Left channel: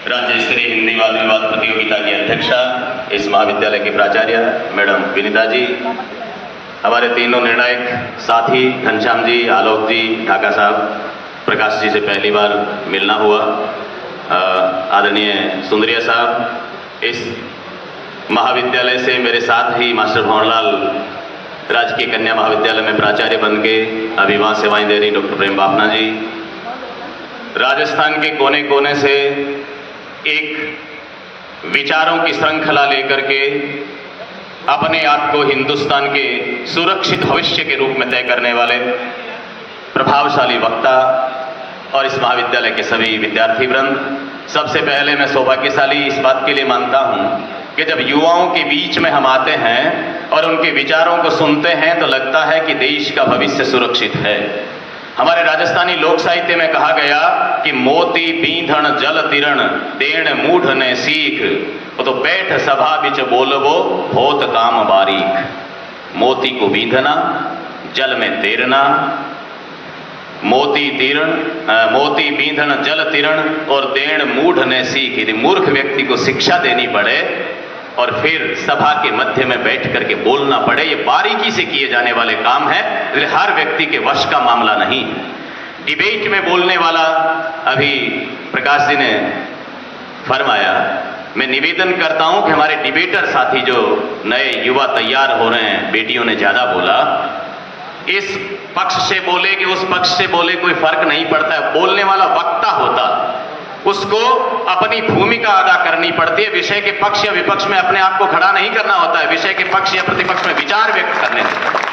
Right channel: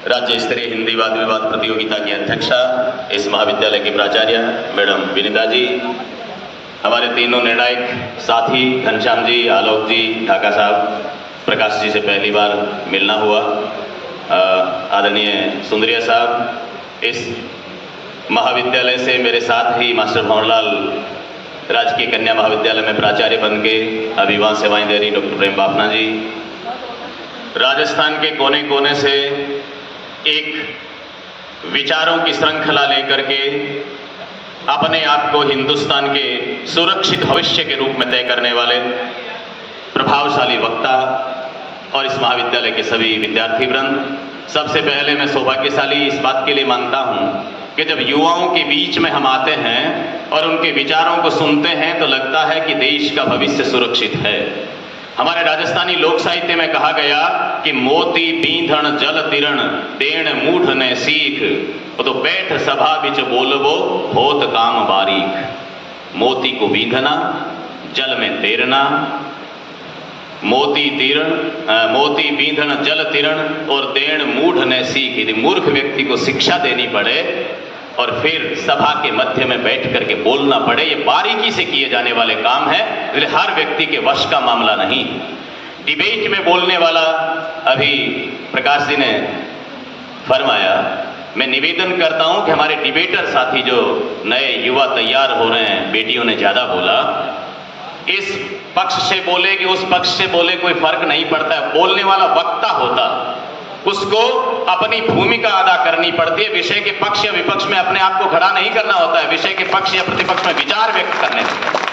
राज्य स्तरीय हिंदी वाद विवाद प्रतियोगिता की अध्यक्षा, इस महाविद्यालय की प्राचार्य मैडम विनीता जी, हमारे तीनों निर्णायक साथी घनश्याम जी, आलोक जी, ढाका साहब, प्रकाश जी से पहली बार मिलना हुआ, आदरणीय सुंदरिया साहब, इस महाविद्यालय से मेरे साथ ही मास्टर भंवरलाल राजकीय कन्या महाविद्यालय में प्राचार्य बन के अभी वहाँ सेवाएं दे रही डॉक्टर प्रेम बाफना जी, राजस्थान के कोने कोने से एक विचारों की श्रृंखला लेकर के अपने आप को हिंदुस्तान के सुरक्षित भविष्य के रूप में तय करने वाले प्रभावशाली वक्ता और इस महाविद्यालय के सभी विद्यार्थी वृंद, सबसे पहले मैं सौभाग्यशाली इस बात के लिए मानता हूं कि जब युवाओं के बीच में हम आते हैं और उनके विचारों को सुनते हैं तो लगता है कि देश का भविष्य सुरक्षित है। हमारे राजस्थानी लोक साहित्य में कहा गया कि मोती बींधण जल तिरण देण मूढ़ ने सीख, तो बैठ सभा बिच बोलबो होत काम बारीक। मोती को बींधना, जल में तैरना, मोती बींधण जल तिरण और देण मूढ़ ने सीख। यदि मूर्ख व्यक्ति को शिक्षा देनी पड़े और फिर सभा के मध्य में बैठ करके बोलना पड़े, ये बारीकी से किए जाने वाले काम है, हर व्यक्ति के वश का मामला नहीं। डिबेट में बोलने वाला अभी प्रकाश जी ने फरमाया, मैं निवेदन करता हूं कि हमारे डिबेटर साथी जो नए युवा तैयार हो रहे हैं, बेटियों ने ज्यादा बोला, इस पक्ष से बोले कि उस पक्ष से बोले कोई फर्क नहीं पड़ता है, बोलने वाला वक्ता होता, उसको अपनी भूमिका अदा करनी पड़ती है। विषय के पक्ष या विपक्ष में अपने आप को खड़ा नहीं करना होता है, विषय के पक्ष या प्रतिपक्ष में विचार व्यक्त करने होते हैं।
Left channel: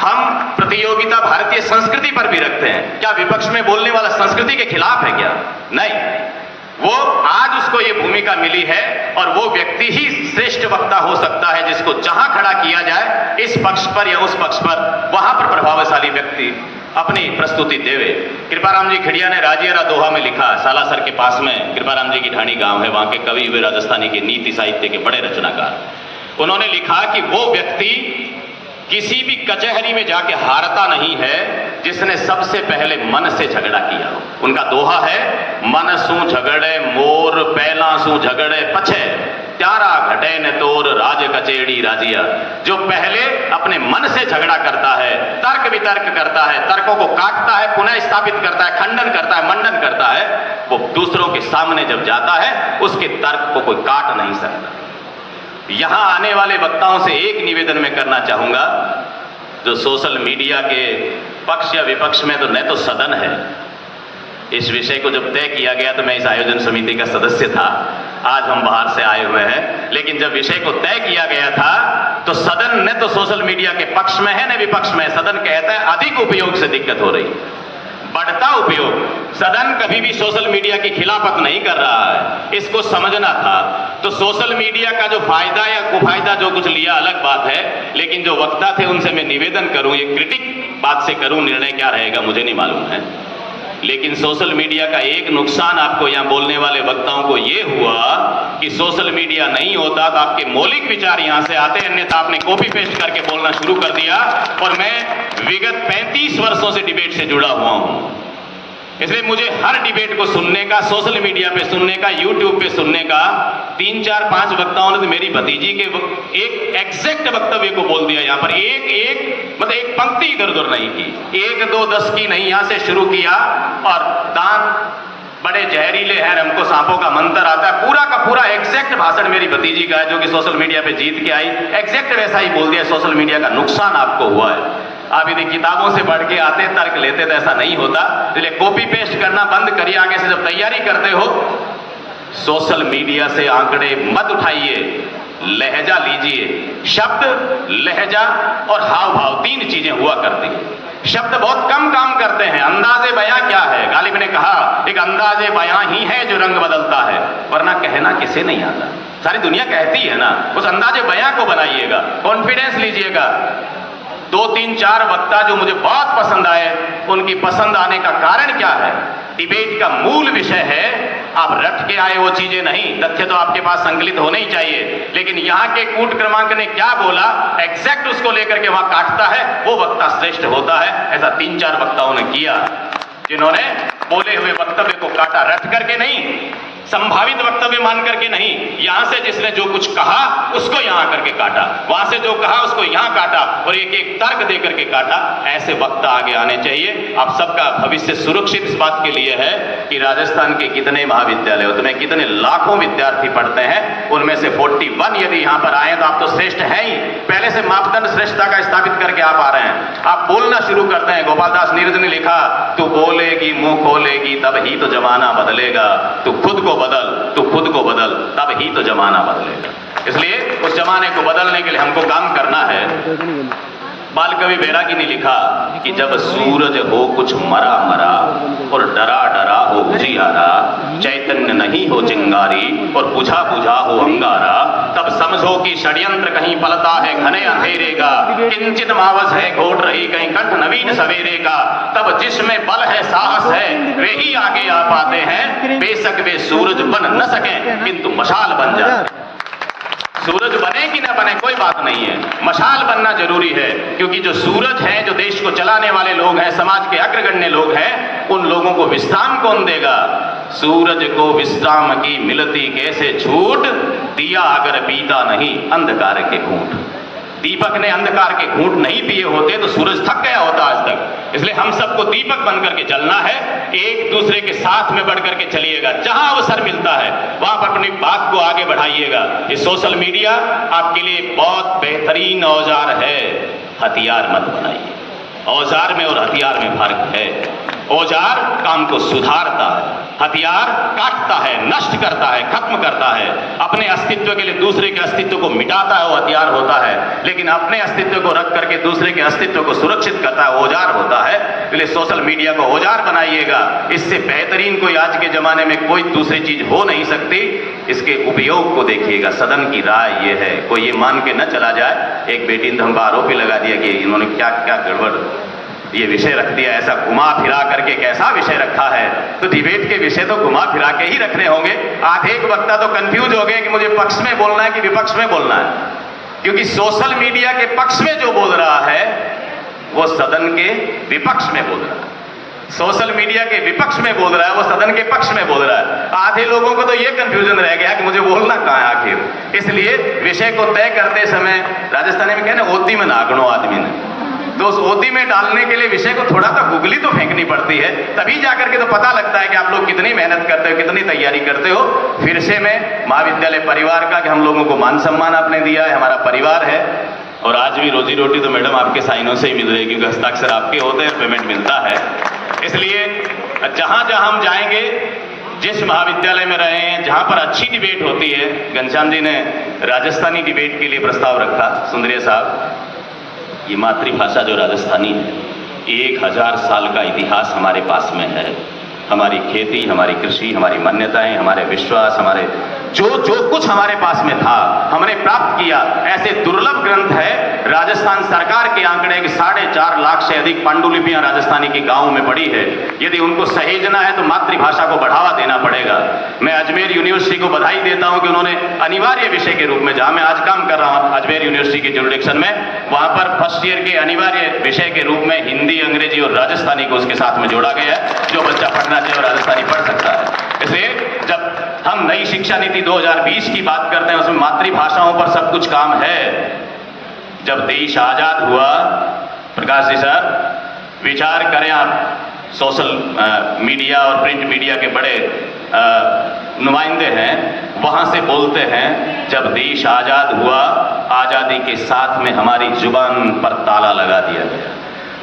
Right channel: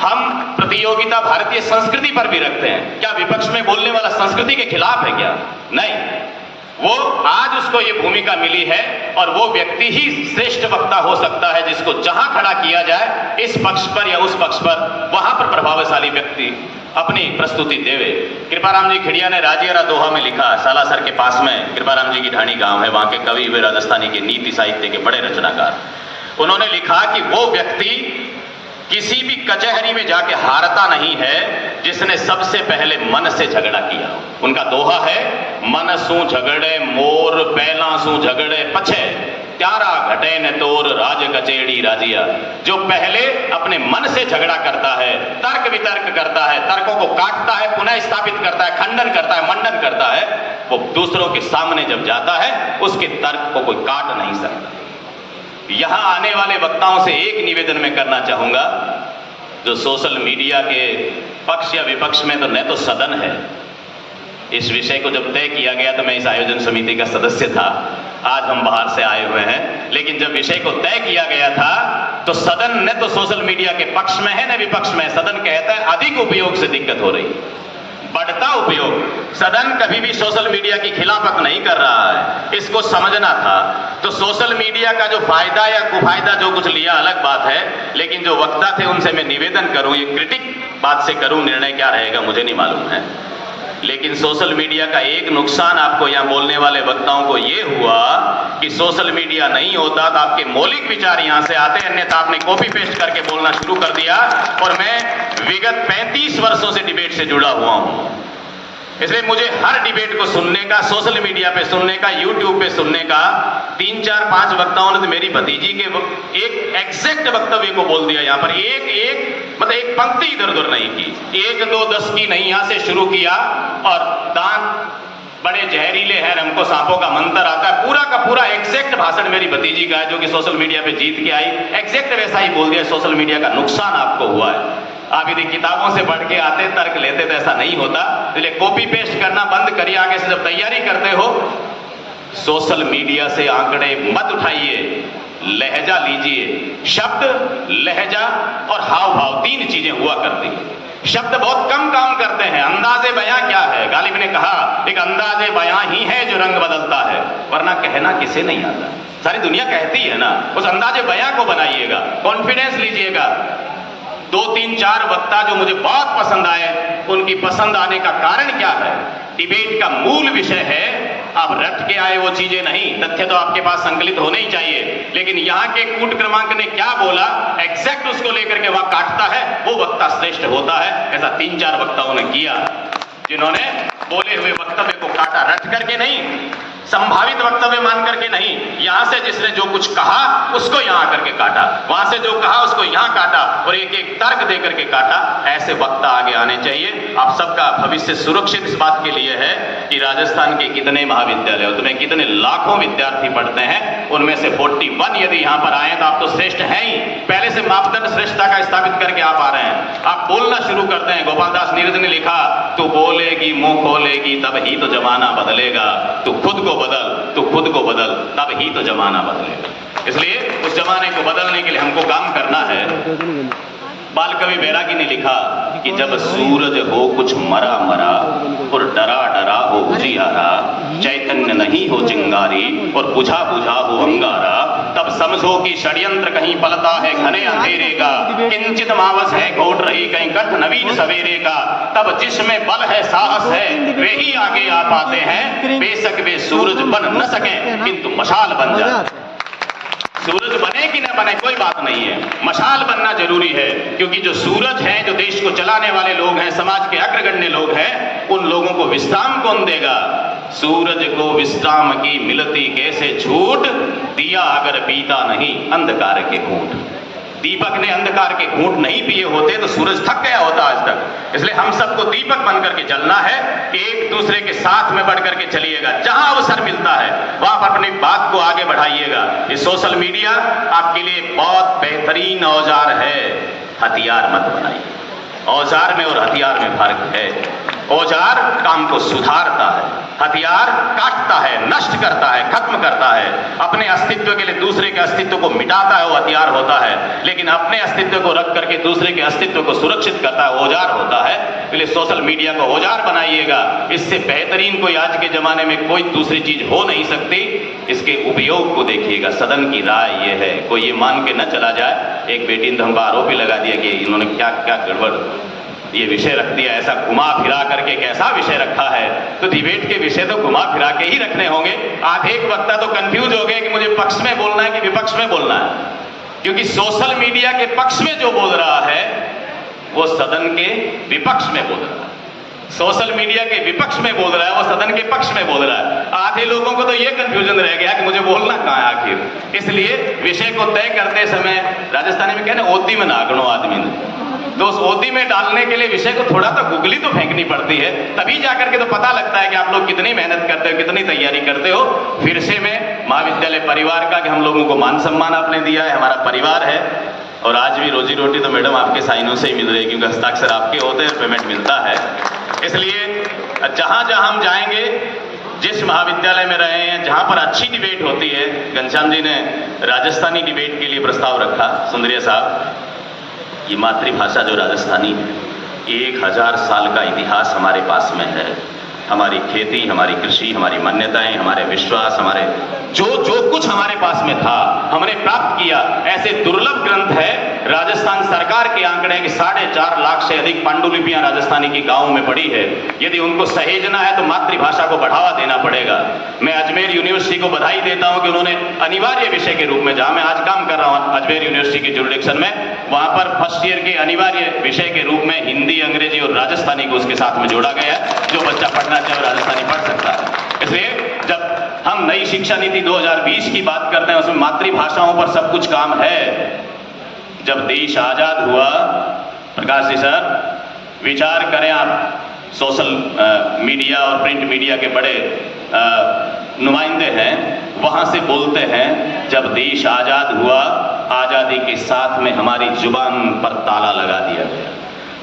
हम प्रतियोगिता भारतीय संस्कृति पर भी रखते हैं। क्या विपक्ष में बोलने वाला संस्कृति के खिलाफ है क्या? नहीं, वो आज उसको ये भूमिका मिली है और वो व्यक्ति ही श्रेष्ठ वक्ता हो सकता है जिसको जहां खड़ा किया जाए, इस पक्ष पर या उस पक्ष पर, वहां पर प्रभावशाली व्यक्ति अपनी प्रस्तुति देवे। कृपाराम जी खिड़िया ने राजियारा दोहा में लिखा, सालासर के पास में कृपाराम जी की ढाणी गांव है, वहां के कवि हुए राजस्थानी के नीति साहित्य के बड़े रचनाकार। उन्होंने लिखा कि वो व्यक्ति किसी भी कचहरी में जाके हारता नहीं है जिसने सबसे पहले मन से झगड़ा किया। उनका दोहा है, मन सू झगड़े मोर पहला सू झगड़े पछे, त्यारा घटे न तोर राज कचेड़ी राजिया। जो पहले अपने मन से झगड़ा करता है, तर्क वितर्क करता है, तर्कों को काटता है, पुनः स्थापित करता है, खंडन करता है, मंडन करता है, वो दूसरों के सामने जब जाता है उसके तर्क को कोई काट नहीं सकता। यहां आने वाले वक्ताओं से एक निवेदन मैं करना चाहूंगा, जो सोशल मीडिया के पक्ष या विपक्ष में तो न तो सदन है, इस विषय को जब तय किया गया तो मैं इस आयोजन समिति का सदस्य था, आज हम बाहर से आए हुए हैं, लेकिन जब विषय को तय किया गया था तो सदन न तो सोशल मीडिया के पक्ष में है न विपक्ष में। सदन कहता है अधिक उपयोग से दिक्कत हो रही, बढ़ता उपयोग। सदन कभी भी सोशल मीडिया की खिलाफत नहीं कर रहा है, इसको समझना था। तो सोशल मीडिया का जो फायदा या कुफायदा जो कुछ लिया अलग बात है, लेकिन जो वक्ता थे उनसे मैं निवेदन करूं, ये क्रिटिक बात से करूं, निर्णय क्या रहेगा मुझे नहीं मालूम है, लेकिन सोशल मीडिया का एक नुकसान आपको यहां बोलने वाले वक्ताओं को यह हुआ कि सोशल मीडिया नहीं होता तो आपके मौलिक विचार यहां से आते, अन्यथा आपने कॉपी पेस्ट करके बोलना शुरू कर दिया। और मैं विगत 35 वर्षों से डिबेट से जुड़ा हुआ हूं, इसलिए मुझे हर डिबेट को सुनने का, सोशल मीडिया पे सुनने का, यूट्यूब पे सुनने का, 3, 4, 5 वक्ताओं ने तो मेरी भतीजी के एक एग्जैक्ट वक्तव्य को बोल दिया। यहाँ पर मतलब एक पंक्ति इधर उधर नहीं की, 1, 2, 10 की नहीं, यहां से शुरू किया। और दांत बड़े जहरीले हैं, हमको सांपों का मंत्र आता है, पूरा का पूरा एग्जैक्ट भाषण मेरी भतीजी का है जो कि सोशल मीडिया पे जीत के आई, एग्जैक्ट वैसा ही बोल दिया। सोशल मीडिया का नुकसान आपको हुआ है। आप यदि किताबों से बढ़ के आते, तर्क लेते तो ऐसा नहीं होता। इसलिए कॉपी पेस्ट करना बंद करिए। आगे से जब तैयारी करते हो, सोशल मीडिया से आंकड़े मत उठाइए, लहजा लीजिए। शब्द, लहजा और हाव भाव 3 चीजें हुआ करती हैं। शब्द बहुत कम काम करते हैं। अंदाजे बयां क्या है? गालिब ने कहा, एक अंदाजे बयां ही है जो रंग बदलता है, वरना कहना किसे नहीं आता। सारी दुनिया कहती है ना, उस अंदाजे बयां को बनाइएगा, कॉन्फिडेंस लीजिएगा। 2, 3, 4 वक्ता जो मुझे बहुत पसंद आए, उनकी पसंद आने का कारण क्या है? डिबेट का मूल विषय है, आप रट के आए वो चीजें नहीं, तथ्य तो आपके पास संकलित होने ही चाहिए, लेकिन यहाँ के कूट क्रमांक ने क्या बोला, एग्जैक्ट उसको लेकर के वहां काटता है, वो वक्ता श्रेष्ठ होता है। ऐसा 3, 4 वक्ताओं ने किया, जिन्होंने बोले हुए वक्तव्य को काटा, रट करके नहीं, संभावित वक्तव्य मान करके नहीं, यहां से जिसने जो कुछ कहा उसको यहां करके काटा, वहां से जो कहा उसको यहां काटा और एक एक तर्क दे करके काटा। ऐसे वक्ता आगे आने चाहिए। आप सबका भविष्य सुरक्षित इस बात के लिए है कि राजस्थान के कितने महाविद्यालय होते हैं, कितने लाखों विद्यार्थी पढ़ते हैं, उनमें से 41 यदि यहां पर आए तो आप तो श्रेष्ठ हैं ही। पहले से मापदंड श्रेष्ठता का स्थापित करके आप आ रहे हैं, आप बोलना शुरू करते हैं। गोपाल दास नीरज ने लिखा, तू बोलेगी मुंह खोलेगी तब ही तो जमाना बदलेगा, तू खुद को बदल तब ही तो जमाना बदलेगा। इसलिए उस जमाने को बदलने के लिए हमको काम करना है। बाल कवि बैरागी ने लिखा कि जब सूरज हो कुछ मरा मरा और डरा डरा हो उजियारा, चैतन्य नहीं हो चिंगारी और बुझा बुझा हो अंगारा, तब समझो कि षड्यंत्र कहीं पलता है घने अंधेरे का, किंचित मावस है घोट रही कहीं कंठ नवीन सवेरे का, तब जिसमें बल है साहस है वे ही आगे आ पाते हैं, बेशक वे सूरज बन न सके किंतु मशाल बन जाए। सूरज बने कि ना बने कोई बात नहीं है, मशाल बनना जरूरी है, क्योंकि जो सूरज हैं, जो देश को चलाने वाले लोग हैं, समाज के अग्रगण्य लोग हैं, उन लोगों को विश्राम कौन देगा? सूरज को विश्राम की मिलती कैसे छूट, दिया अगर पीता नहीं अंधकार के घूंट। दीपक ने अंधकार के घूंट नहीं पिए होते तो सूरज थक गया होता आज तक। इसलिए हम सबको दीपक बन करके चलना है, एक दूसरे के साथ में बढ़ करके चलिएगा। जहां अवसर मिलता है वहां पर अपनी बात को आगे बढ़ाइएगा। ये सोशल मीडिया आपके लिए बहुत बेहतरीन औजार है, हथियार मत बनाइए। औजार में और हथियार में फर्क है। औजार काम को सुधारता है, हथियार काटता है, नष्ट करता है, खत्म करता है, अपने अस्तित्व के लिए दूसरे के अस्तित्व को मिटाता है, वो हथियार होता है। लेकिन अपने अस्तित्व को रख करके दूसरे के अस्तित्व को सुरक्षित करता है, औजार होता है। इसलिए सोशल मीडिया को औजार बनाइएगा। इससे बेहतरीन कोई आज के जमाने में कोई दूसरी चीज हो नहीं सकती। इसके उपयोग को देखिएगा। सदन की राय ये है, कोई ये मान के न चला जाए, एक बेटी ने तो हम आरोप ही लगा दिया कि इन्होंने क्या क्या गड़बड़ ये विषय रख दिया, ऐसा घुमा फिरा करके कैसा विषय रखा है। तो डिबेट के विषय तो घुमा फिरा के ही रखने होंगे। आधे एक वक्ता तो कंफ्यूज हो गए कि मुझे पक्ष में बोलना है कि विपक्ष में बोलना है, क्योंकि सोशल मीडिया के पक्ष में जो बोल रहा है वो सदन के विपक्ष में बोल रहा है, सोशल मीडिया के विपक्ष में बोल रहा है वो सदन के पक्ष में बोल रहा है। आधे लोगों को तो ये कंफ्यूजन रह गया कि मुझे बोलना कहाँ है आखिर। इसलिए विषय को तय करते समय राजस्थानी में कहना ओती में नागणो आदमी ने, तो उस ओती में डालने के लिए विषय को थोड़ा तो गुगली तो फेंकनी पड़ती है, तभी जाकर के तो पता लगता है कि आप लोग कितनी मेहनत करते हो, कितनी तैयारी करते हो। फिर से मैं महाविद्यालय परिवार का, कि हम लोगों को मान सम्मान आपने दिया है, हमारा परिवार है, और आज भी रोजी रोटी तो मैडम आपके साइनों से ही मिल रही है, क्योंकि हस्ताक्षर आपके होते हैं, पेमेंट मिलता है। इसलिए जहां जहां हम जाएंगे, जिस महाविद्यालय में रहे हैं, जहां पर अच्छी डिबेट होती है, घनश्याम जी ने राजस्थानी डिबेट के लिए प्रस्ताव रखा, सुंदरिया साहब, ये मातृभाषा जो राजस्थानी है, 1000 साल का इतिहास हमारे पास में है। हमारी खेती, हमारी कृषि, हमारी मान्यताएं, हमारे विश्वास, हमारे जो कुछ हमारे पास में था हमने प्राप्त किया। ऐसे दुर्लभ ग्रंथ है। राजस्थान सरकार के आंकड़े कि 4.5 लाख से अधिक पांडुलिपियां राजस्थानी की गांवों में पड़ी है। यदि उनको सहेजना है तो मातृभाषा को बढ़ावा देना पड़ेगा। मैं अजमेर यूनिवर्सिटी को बधाई देता हूं कि उन्होंने अनिवार्य विषय के रूप में, जहां मैं आज काम कर रहा हूं अजमेर यूनिवर्सिटी की जुरिडिक्शन में, वहां पर फर्स्ट ईयर के अनिवार्य विषय के रूप में हिंदी, अंग्रेजी और राजस्थानी को उसके साथ में जोड़ा गया है। जो बच्चा पढ़ना चाहे वो राजस्थानी पढ़ सकता है। इसलिए जब हम नई शिक्षा नीति 2020 की बात करते हैं, उसमें मातृभाषाओं पर सब कुछ काम है। जब देश आजाद हुआ, प्रकाश जी सर विचार करें आप, सोशल मीडिया और प्रिंट मीडिया के बड़े नुमाइंदे हैं, वहां से बोलते हैं जब देश आजाद हुआ, आजादी के साथ में हमारी जुबान पर ताला लगा दिया गया।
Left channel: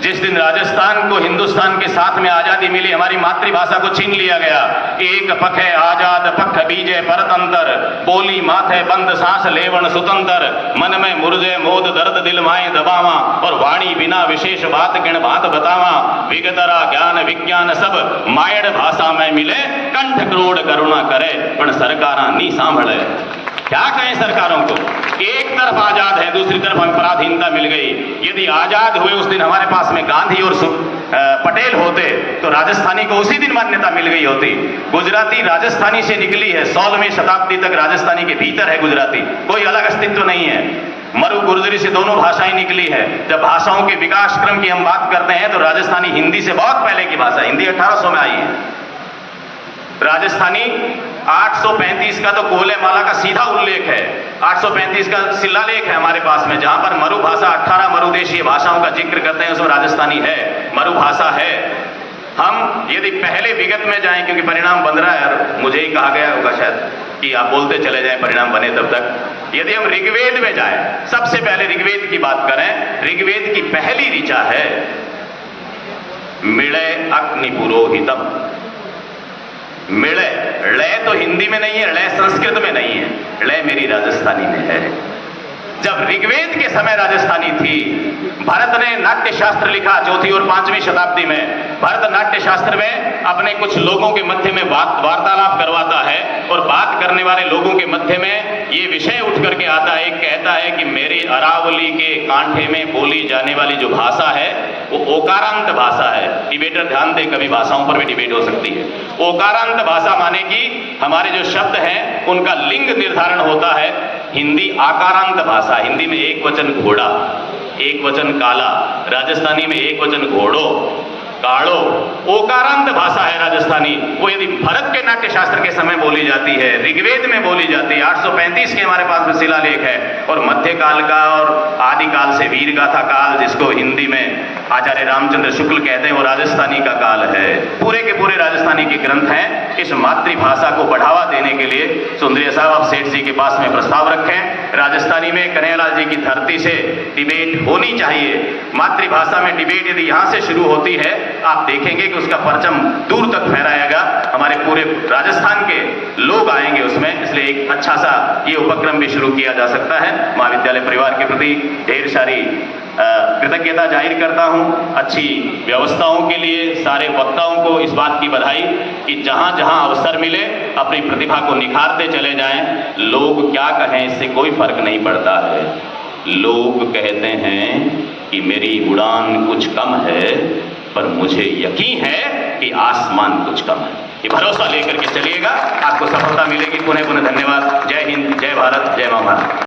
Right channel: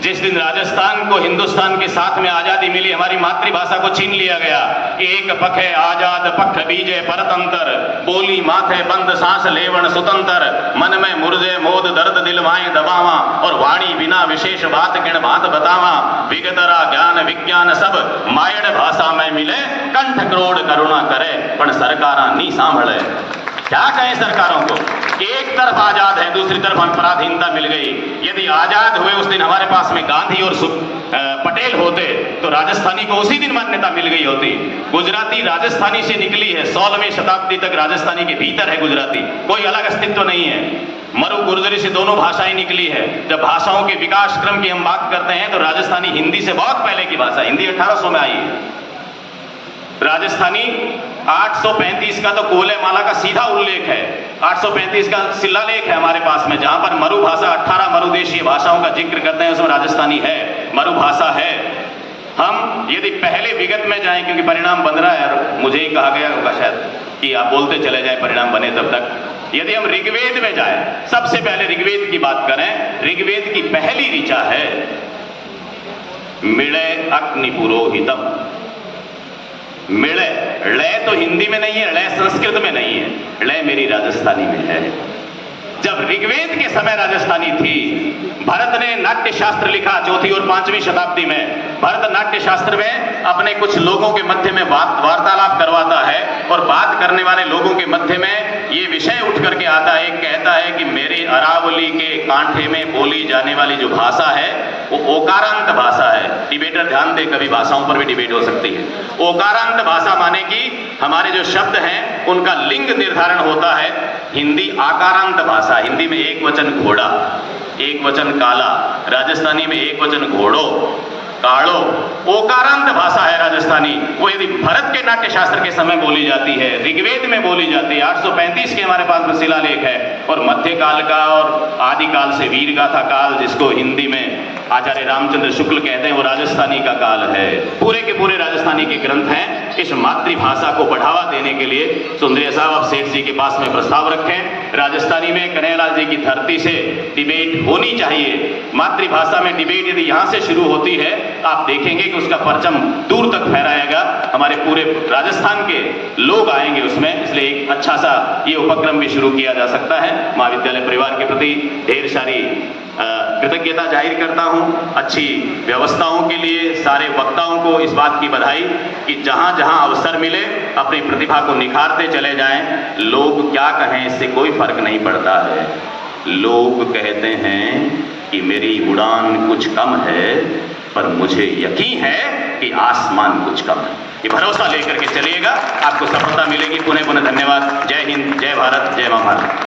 जिस दिन राजस्थान को हिंदुस्तान के साथ में आजादी मिली, हमारी मातृभाषा को छीन लिया गया। एक पख है आजाद पख बीजे परतंत्र, बोली माथे बंद सांस लेवन सुतंत्र, मन में मुर्जे मोद दर्द दिल माए दबावा, और वाणी बिना विशेष बात किण बात बतावा, विगतरा ज्ञान विज्ञान सब मायड़ भाषा में मिले, कंठ करोड़ करुणा करे पण सरकारा नी सांभळे। क्या कहें सरकारों को? एक तरफ आजाद है, दूसरी तरफ हम पराधीनता मिल गई। यदि आजाद हुए उस दिन हमारे पास में गांधी और पटेल होते तो राजस्थानी को उसी दिन मान्यता मिल गई होती। गुजराती राजस्थानी से निकली है, 16वीं शताब्दी तक राजस्थानी के भीतर है गुजराती, कोई अलग अस्तित्व नहीं है। मरु गुर्जरी से दोनों भाषाएं निकली है। जब भाषाओं के विकास क्रम की हम बात करते हैं तो राजस्थानी हिंदी से बहुत पहले की भाषा, हिंदी 1800 में आई है। राजस्थानी 835 का तो कोलेमाला का सीधा उल्लेख है, 835 का शिलालेख है हमारे पास में, जहां पर मरु भाषा 18 मरुदेशीय भाषाओं का जिक्र करते हैं, उसमें राजस्थानी है, मरु भाषा है। हम यदि पहले विगत में जाएं, क्योंकि परिणाम बन रहा है, मुझे ही कहा गया होगा शायद कि आप बोलते चले जाएं परिणाम बने तब तक। यदि हम ऋग्वेद में जाएं, सबसे पहले ऋग्वेद की बात करें, ऋग्वेद की पहली ऋचा है मिलय अग्नि पुरोहितम। मिलय, लय तो हिंदी में नहीं है, लय संस्कृत में नहीं है, लय मेरी राजस्थानी में है। जब ऋग्वेद के समय राजस्थानी थी, भरत ने नाट्य शास्त्र लिखा 4वीं और 5वीं शताब्दी में। भरत नाट्य शास्त्र में अपने कुछ लोगों के मध्य में वार्तालाप करवाता है, और बात करने वाले लोगों के मध्य में ये विषय उठ करके आता है, कहता है कि मेरी अरावली के कांठे में बोली जाने वाली जो भाषा है वो ओकारांत भाषा है। डिबेटर ध्यान दे, कभी भाषाओं पर भी डिबेट हो सकती है। ओकारांत भाषा माने कि हमारे जो शब्द हैं उनका लिंग निर्धारण होता है। हिंदी आकारांत भाषा, हिंदी में एक वचन घोड़ा, एक वचन काला, राजस्थानी में एक वचन घोड़ो, काड़ो। ओकारांत भाषा है राजस्थानी। वो यदि भरत के नाट्य शास्त्र के समय बोली जाती है, ऋग्वेद में बोली जाती है, 835 के हमारे पास में शिलालेख है, और मध्यकाल का और आदिकाल से वीरगाथा काल, जिसको हिंदी में आचार्य रामचंद्र शुक्ल कहते हैं, वो राजस्थानी का काल है। पूरे के पूरे राजस्थानी के ग्रंथ हैं। इस मातृभाषा को बढ़ावा देने के लिए सुंदरिया साहब आप सेठ जी के पास में प्रस्ताव रखें। राजस्थानी में कन्हैयालाल जी की धरती से डिबेट होनी चाहिए। मातृभाषा में डिबेट यदि यहां से शुरू होती है, आप देखेंगे कि उसका परचम दूर तक फहराएगा, हमारे पूरे राजस्थान के लोग आएंगे उसमें। इसलिए एक अच्छा सा ये उपक्रम भी शुरू किया जा सकता है। महाविद्यालय परिवार के प्रति ढेर सारी कृतज्ञता जाहिर करता हूं। अच्छी व्यवस्थाओं के लिए सारे वक्ताओं को इस बात की बधाई कि जहां जहां अवसर मिले अपनी प्रतिभा को निखारते चले जाएं। लोग क्या कहें इससे कोई फर्क नहीं पड़ता है। लोग कहते हैं कि मेरी उड़ान कुछ कम है, पर मुझे यकीन है कि आसमान कुछ कम है। ये भरोसा लेकर के चलिएगा, आपको सफलता मिलेगी। पुनः पुनः धन्यवाद। जय हिंद, जय भारत, जय मां भारत।